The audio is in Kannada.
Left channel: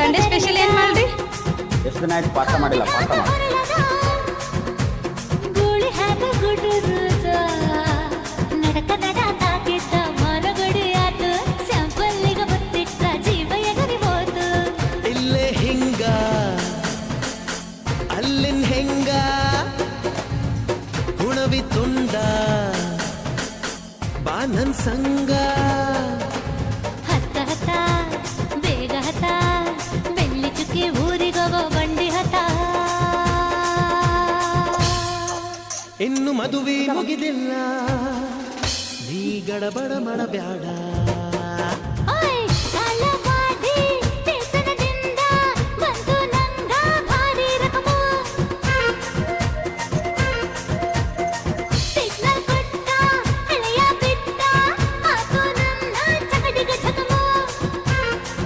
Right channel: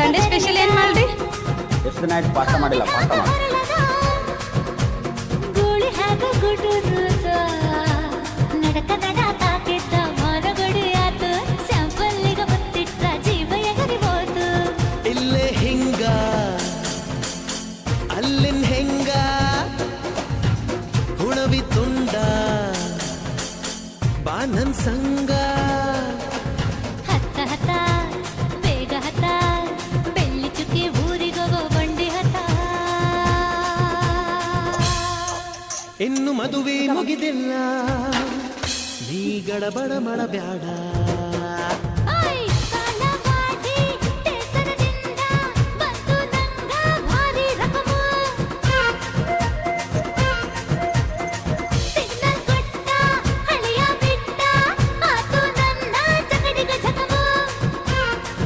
ಸಂಡೇ ಸ್ಪೆಷಲ್ ಏನ್ ಮಾಡ್ರಿ? ಎಷ್ಟು ದಿನ ಆಯ್ತು ಪಾಸ್ತಾ ಮಾಡಿಲ್ಲ, ಪಾಸ್ತಾ ಮಾಡಿ. ಗೋಳಿ ಹಾಕ ಗುಡುರುತ ನಡಕ ನಡ ತಾಕಿದ್ದ ಮನಗಡಿ ಆತು ಸ್ಯಾಂಪಲ್ಲಿಗ ಮುತ್ತಿಟ್ಟ ಜೀವ ಎಗರಿಬೋದು. ಇಲ್ಲೇ ಹಿಂಗ ಅಲ್ಲಿನ್ ಹೆಂಗ ಹುಣವಿ ತುಂಡ ಬಾ ನನ್ ಸಂಗ. ಹತ್ತ ಹತ್ತ ಬೇಗ ಹತ್ತ ಬೆಳ್ಳಿ ಚುಕ್ಕಿ ಊರಿಗೋಗೋ ಬಂಡಿ ಹತ್ತ. ಇನ್ನು ಮದುವೆ ಮುಗಿದಿಲ್ಲ, ನೀ ಗಡಬಡ ಮಾಡಬ್ಯಾಡ.